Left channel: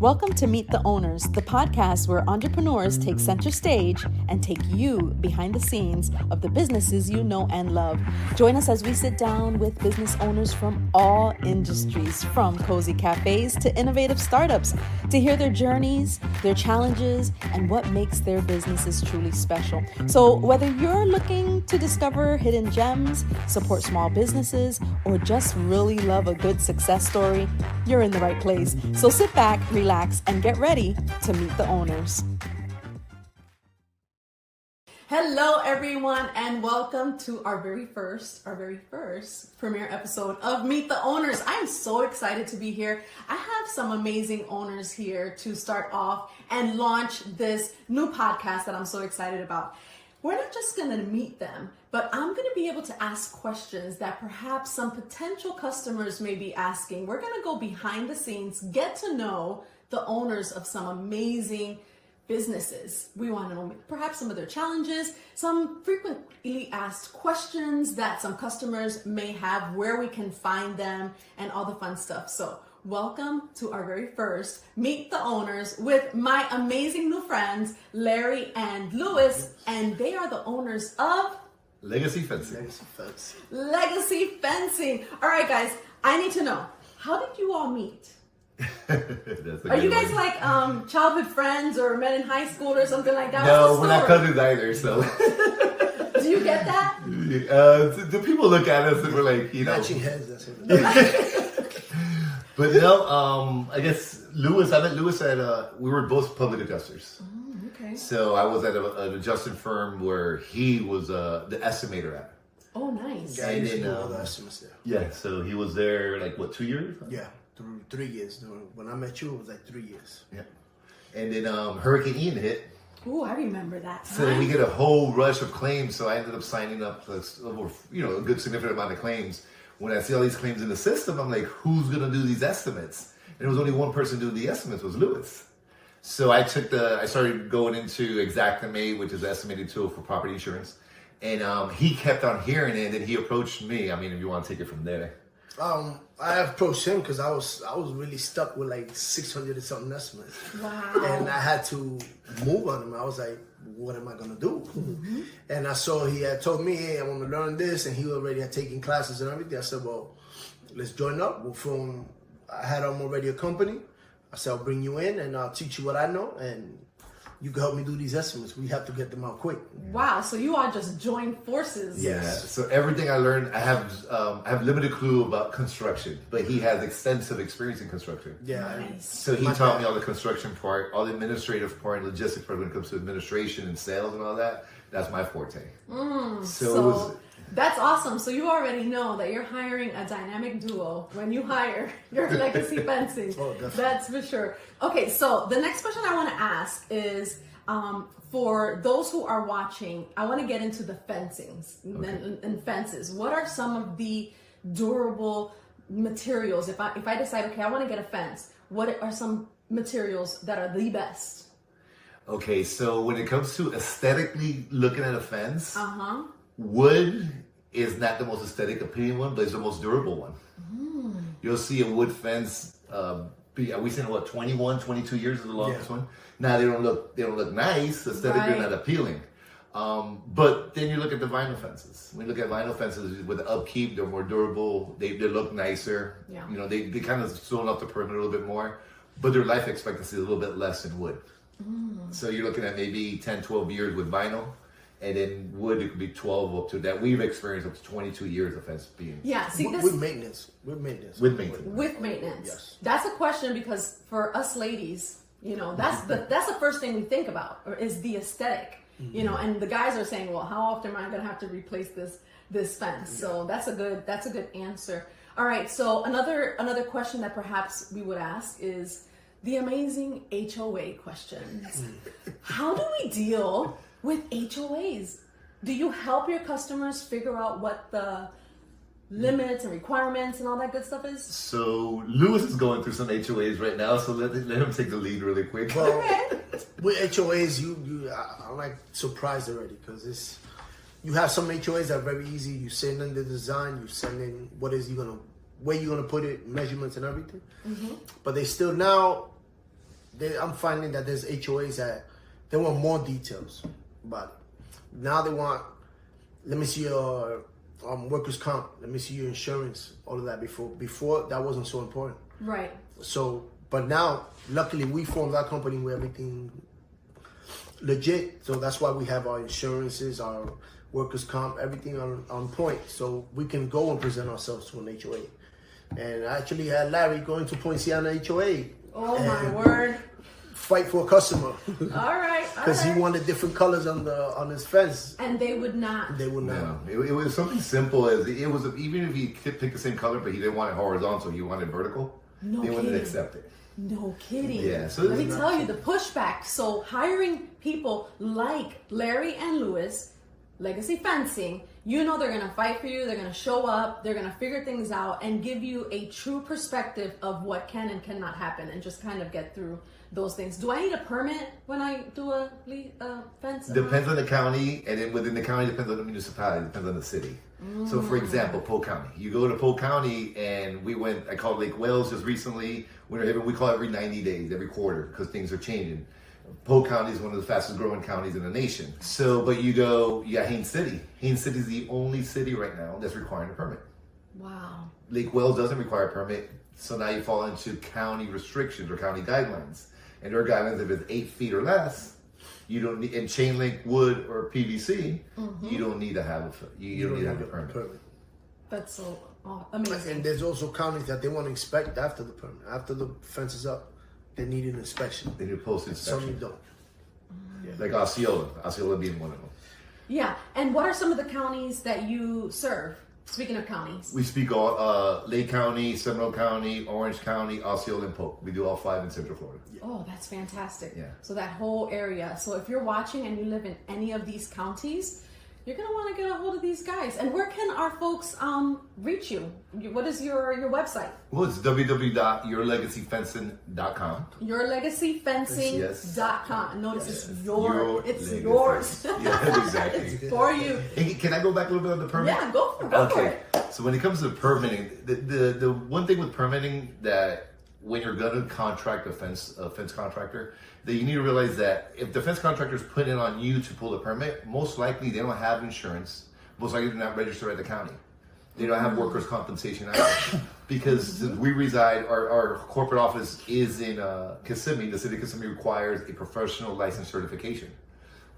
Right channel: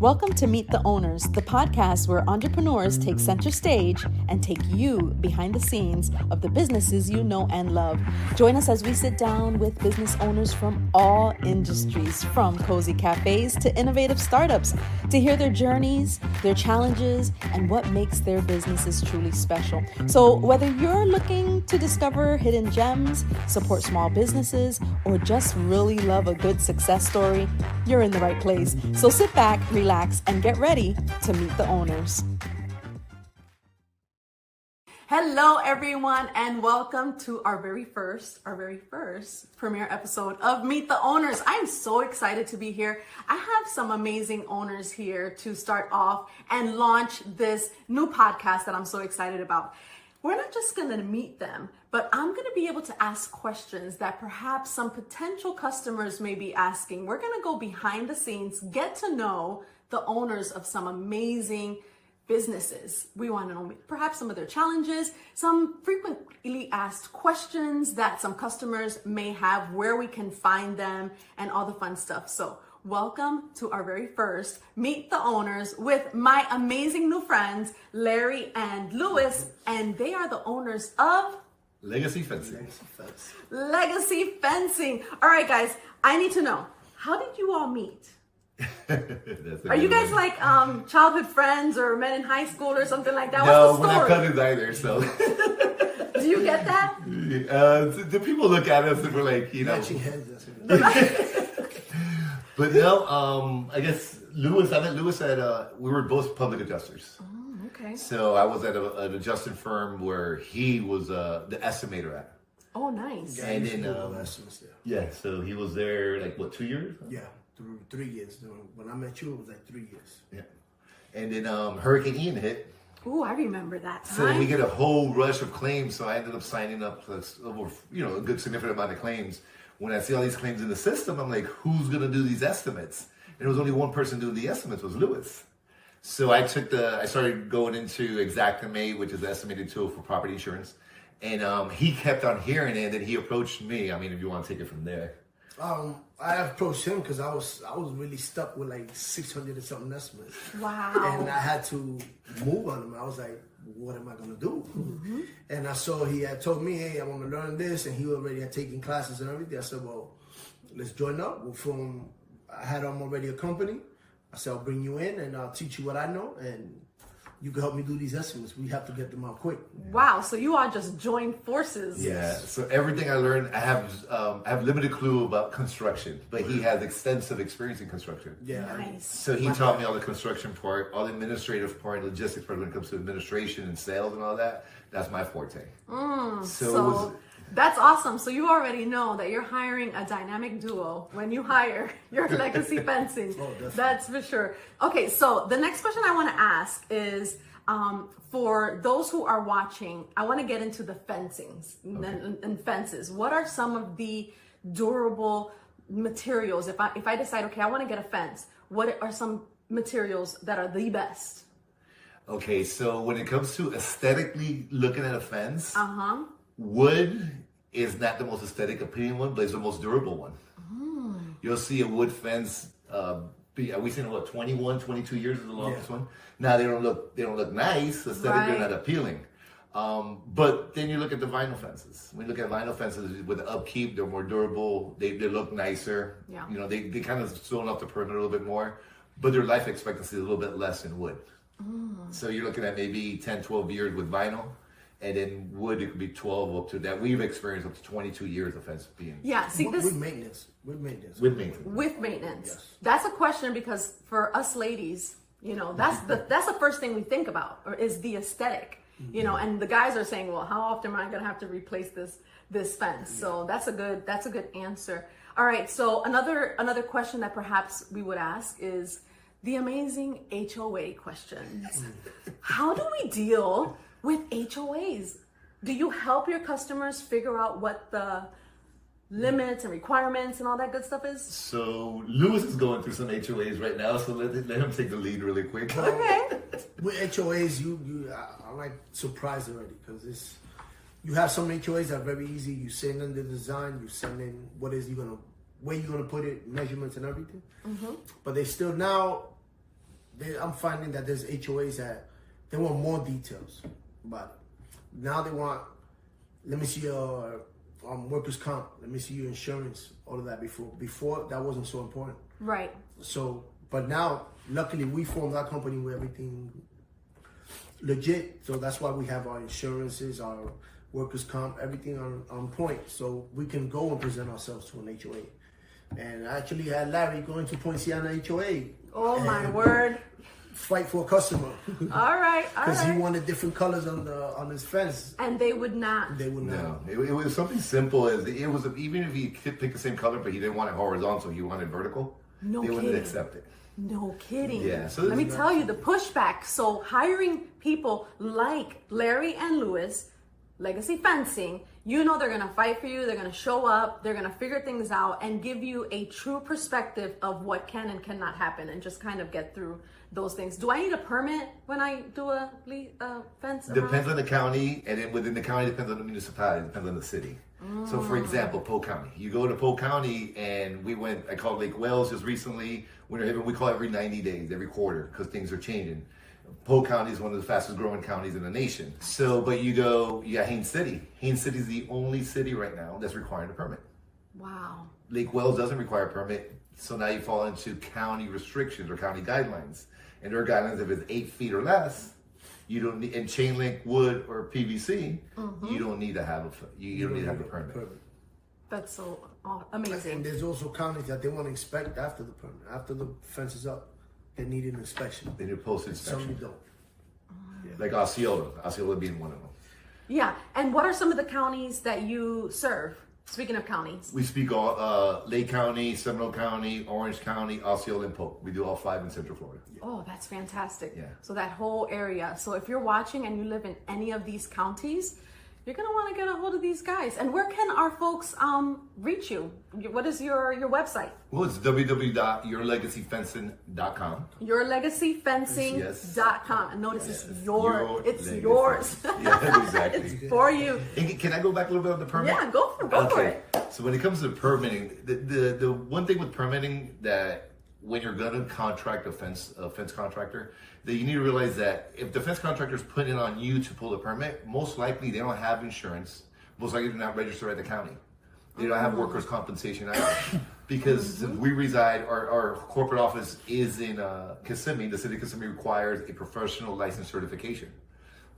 Welcome to Meet the Owners, the podcast where entrepreneurs take center stage and take you behind the scenes of the businesses you know and love. Join us as we sit down with business owners from all industries, from cozy cafes to innovative startups, to hear their journeys, their challenges, and what makes their businesses truly special. So whether you're looking to discover hidden gems, support small businesses, or just really love a good success story, you're in the right place. So sit back, relax, and get ready to meet the owners. Hello, everyone, and welcome to our very first premiere episode of Meet the Owners. I am so excited to be here. I have some amazing owners here to start off and launch this new podcast that I'm so excited about. We're not just going to meet them, but I'm going to be able to ask questions that perhaps some potential customers may be asking. We're going to go behind the scenes, get to know the owners of some amazing businesses. We want to know perhaps some of their challenges, some frequently asked questions that some customers may have, where we can find them, and all the fun stuff. So welcome to our very first Meet the Owners with my amazing new friends, Larry and Louis, and they are the owners of Legacy Fencing. Legacy Fencing. All right, guys, I need to know, how did you all meet? Are you guys like childhood friends or met in high school or something like that? No, we're not cousins either, so. Do you get that? The people look at us and we're like, you know. But no, I guess I met Louis at, we were both public adjusters. Oh, okay. So I was at an adjusting firm where he was the estimator at. Oh, nice. And then, so he was there like, what, 2 years? Yeah. 3 years. When I met you, it was like 3 years. Yeah. And then Hurricane Ian hit. Ooh, I remember that time. So then we get a whole rush of claims. So I ended up signing up for a good significant amount of claims. When I see all these claims in the system, I'm like, who's going to do these estimates? And there was only one person doing the estimates, was Louis. So I started going into Xactimate, which is the estimating tool for property insurance. And he kept on hearing it, and then he approached me. I mean, if you want to take it from there. I approached him because I was really stuck with like 600 and something estimates. Wow. And I had to move on him. I was like, what am I going to do? Mm-hmm. And I saw he had told me, hey, I want to learn this. And he already had taken classes and everything. I said, well, let's join up. I had him already a company. I said, I'll bring you in and I'll teach you what I know. And you can help me do these estimates. We have to get them out quick. Wow! So you all just joined forces. Yeah. So everything I learned, I have limited clue about construction, but he has extensive experience in construction. Yeah. Nice. So he taught me all the construction part, all the administrative part, logistics part when it comes to administration and sales and all that. That's my forte. So that's awesome. So you already know that you're hiring a dynamic duo when you hire your Legacy Fencing. Oh, definitely. That's for sure. Okay, so the next question I want to ask is, for those who are watching, I want to get into the fencings and fences. What are some of the durable materials? If I decide, okay, I want to get a fence, what are some materials that are the best? Okay, so when it comes to aesthetically looking at a fence, wood is not the most aesthetic appealing one, but it's the most durable one. You'll see a wood fence, we've seen 21, 22 years is the longest one. Now they don't look nice, aesthetically they're not appealing. But then you look at the vinyl fences. When you look at vinyl fences with the upkeep, they're more durable, they look nicer. Yeah. You know, they kind of zone off the perimeter a little bit more, but their life expectancy is a little bit less than wood. So you're looking at maybe 10, 12 years with vinyl. And then wood, it could be 12 up to that. We've experienced up to 22 years of fence being. Yeah, see this with maintenance. With maintenance. Yes. That's a question because for us ladies, you know, that's the first thing we think about, or is the aesthetic. You know, and the guys are saying, well, how often am I going to have to replace this fence? So that's a good answer. All right. So another question that perhaps we would ask is the amazing HOA questions. How do we deal with HOAs? Do you help your customers figure out what the limits and requirements and all that good stuff is? So Louis is going through some HOAs right now, so let him take the lead really quick. Okay. With HOAs, I'm like surprised already because you have some HOAs that are very easy. You send in the design, you send in where you're gonna put it, measurements and everything. But they still now I'm finding that there's HOAs that they want more details, but now they want, let me see your workers' comp, let me see your insurance, all of that. Before that wasn't so important. Right. So, but now, luckily, we formed our company where everything legit. So that's why we have our insurances, our workers' comp, everything on point. So we can go and present ourselves to an HOA. And I actually had Larry going to Poinciana HOA. Oh my word. Fight for a customer. All right. Because he wanted different colors on his fence. And they would not. They would not. No, it was something simple as it was, even if he could pick the same color, but he didn't want it horizontal, he wanted vertical, no they wouldn't kidding. accept it. No kidding. Yeah. So let me tell you the pushback. So hiring people like Larry and Lewis, Legacy Fencing, you know they're gonna fight for you, they're gonna show up, they're gonna figure things out and give you a true perspective of what can and cannot happen and just kind of get through those things. Do I need a permit when I do a fence? Depends on the county, and then within the county depends on the municipality, depends on the city. So for example, Polk County. You go to Polk County, and I called Lake Wales just recently. We call every 90 days, every quarter, because things are changing. Polk County is one of the fastest growing counties in the nation. So, but you got Haines City. Haines City is the only city right now that's requiring a permit. Wow. Lake Wales doesn't require a permit, so now you fall into county restrictions or county guidelines. And their guidelines, if it's 8 feet or less, you don't need, in chain link wood or PVC, you don't need to have a permit. That's so amazing. And there's also counties that they want to inspect after the permit, after the fence is up. They need an inspection. They need a post inspection. Some don't. Like Osceola being one of them. Yeah. And what are some of the counties that you serve? Speaking of counties. We speak all Lake County, Seminole County, Orange County, Osceola, and Polk. We do all 5 in Central Florida. Oh, that's fantastic. Yeah. So that whole area. So if you're watching and you live in any of these counties, you're going to want to get a hold of these guys. And where can our folks reach you? What is your website? Well, it's www.yourlegacyfencing.com. Yourlegacyfencing.com. Notice Yes. it's Legacy. yours. Yeah, exactly. It's for you. Hey, can I go back a little bit on the permit? Yeah, go for it. So when it comes to permitting, the one thing with permitting that when you're going to contract a fence contractor, that you need to realize that if the fence contractor is putting it on you to pull the permit, most likely they don't have insurance. Most likely they're not registered at the county. They don't have workers' compensation either. Because since we reside, our corporate office is in Kissimmee. The city of Kissimmee requires a professional license certification.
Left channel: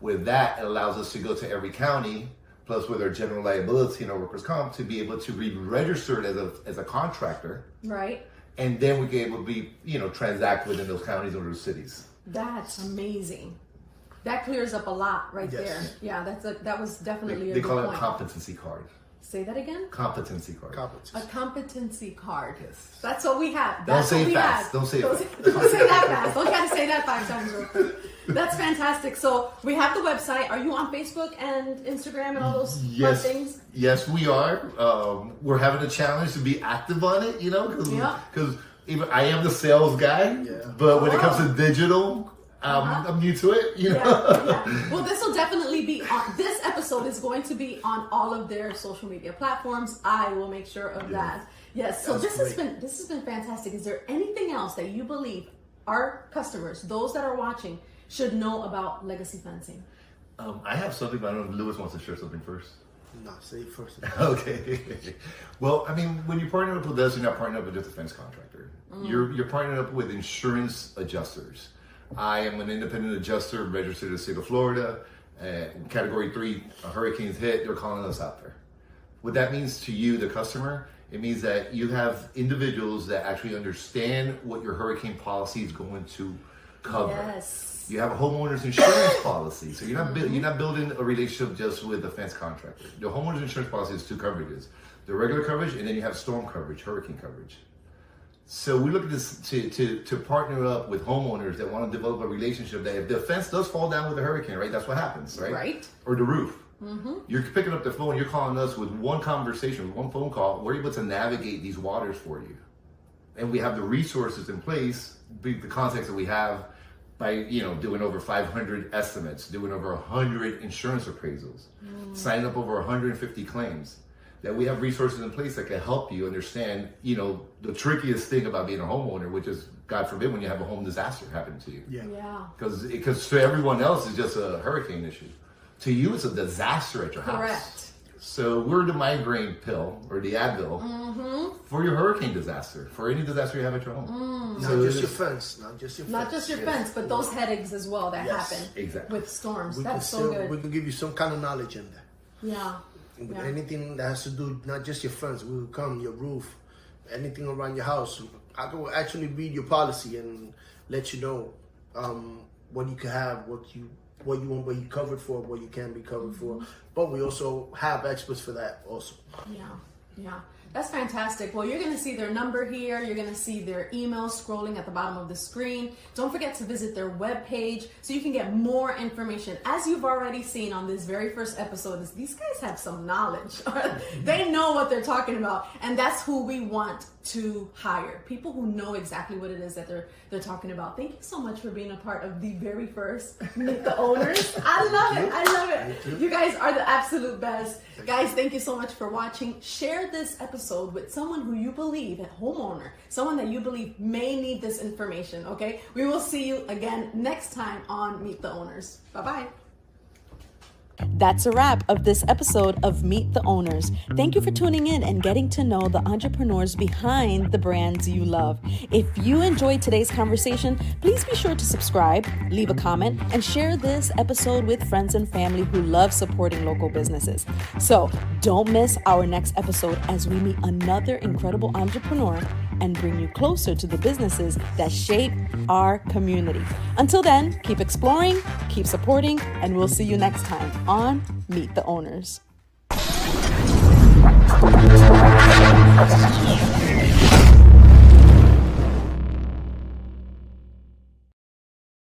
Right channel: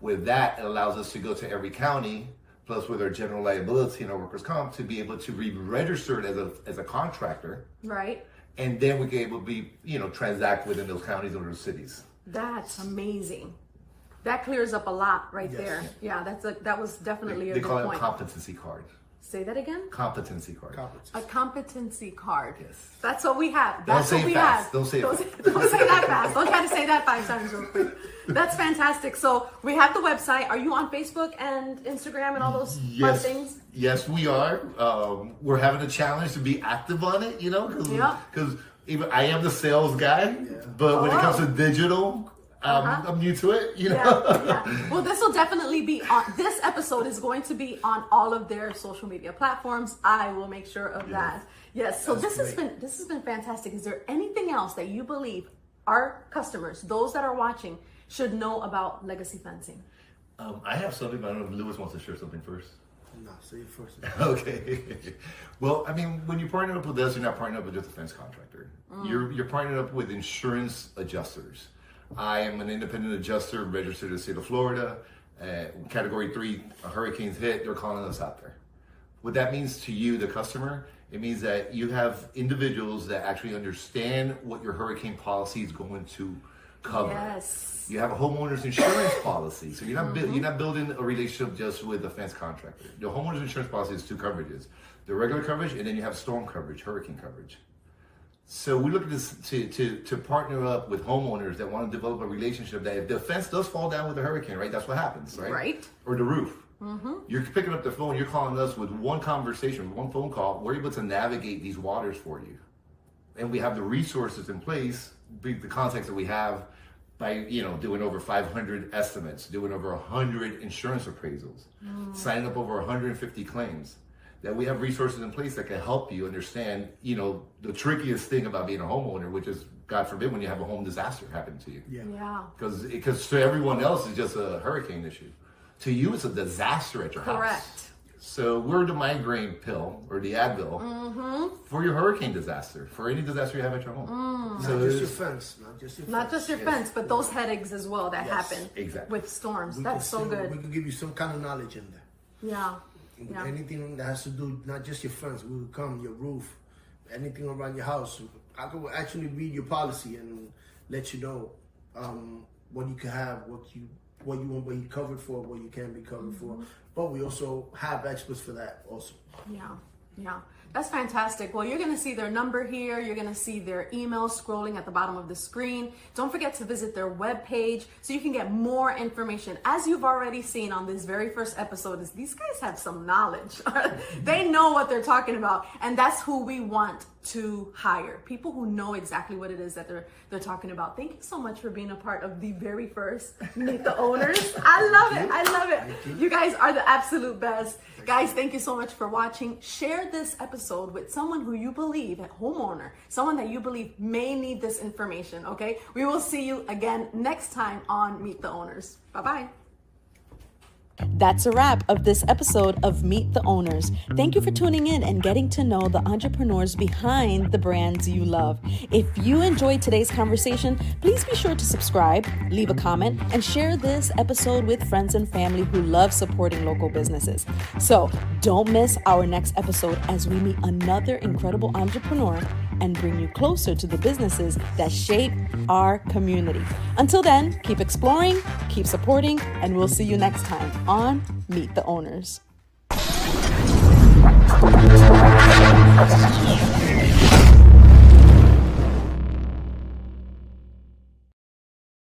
With that, it allows us to go to every county, plus with our general liability and our workers' comp, to be able to be registered as a contractor. Right. And then we can able to be, transact within those counties or those cities. That's amazing. That clears up a lot right Yes. there. Yeah, that was definitely a They good call it a point. competency card. Say that again? Competency card. A competency card. Yes. That's what we have. Don't That's say what we it fast. have. Don't say it fast. Don't say that fast. Don't try to say that 5 times real quick. That's fantastic. So we have the website. Are you on Facebook and Instagram and all those fun things? Yes, we are. We're having a challenge to be active on it, because even I am the sales guy, but when it comes to digital, I'm new to it, Yeah. Well, this will definitely be on. This episode is going to be on all of their social media platforms. I will make sure of that. Yes. So this has been fantastic. Is there anything else that you believe our customers, those that are watching, should know about Legacy Fencing? I have something, but I don't know if Lewis wants to share something first. No, say it first. Okay. Well, I mean, when you partner up with us, you're not partnering up with just a fence contractor. You're partnering up with insurance adjusters. I am an independent adjuster registered in the state of Florida. Category 3 hurricanes hit, they're calling us out there. What that means to you, the customer, it means that you have individuals that actually understand what your hurricane policy is going to cover. Yes. You have a homeowner's insurance policy, so you're not building a relationship just with a fence contractor. The homeowner's insurance policy is 2 coverages: the regular coverage, and then you have storm coverage, hurricane coverage. So we look at this to partner up with homeowners that want to develop a relationship that if the fence does fall down with a hurricane, right, that's what happens, right? Right. Or the roof. You're picking up the phone, you're calling us with one conversation, with one phone call. We're able to navigate these waters for you. And we have the resources in place, the context that we have by, doing over 500 estimates, doing over 100 insurance appraisals, signing up over 150 claims. that we have resources in place that can help you understand, the trickiest thing about being a homeowner, which is, God forbid, when you have a home disaster happen to you. Yeah. Because to everyone else, it's just a hurricane issue. To you, it's a disaster at your house. Correct. So we're the migraine pill or the Advil for your hurricane disaster, for any disaster you have at your home. Not just your fence, not just your fence, but those headaches as well that happen with storms. That's so good. We can give you some kind of knowledge in there. Yeah. Anything that has to do, not just your fence, we will come, your roof, anything around your house. I can actually read your policy and let you know what you can have, what you want, what you covered for, what you can be covered for. But we also have experts for that also. Yeah. That's fantastic. Well, you're going to see their number here. You're going to see their email scrolling at the bottom of the screen. Don't forget to visit their webpage so you can get more information. As you've already seen on this very first episode, these guys have some knowledge. They know what they're talking about. And that's who we want to hire. People who know exactly what it is that they're talking about. Thank you so much for being a part of the very first Meet the Owners. I love it. You guys are the absolute best. Guys, thank you so much for watching. Share this episode with someone who you believe, a homeowner, someone that you believe may need this information, okay? We will see you again next time on Meet the Owners. Bye-bye. That's a wrap of this episode of Meet the Owners. Thank you for tuning in and getting to know the entrepreneurs behind the brands you love. If you enjoyed today's conversation, please be sure to subscribe, leave a comment, and share this episode with friends and family who love supporting local businesses. So don't miss our next episode as we meet another incredible entrepreneur and bring you closer to the businesses that shape our community. Until then, keep exploring, keep supporting, and we'll see you next time on Meet the Owners.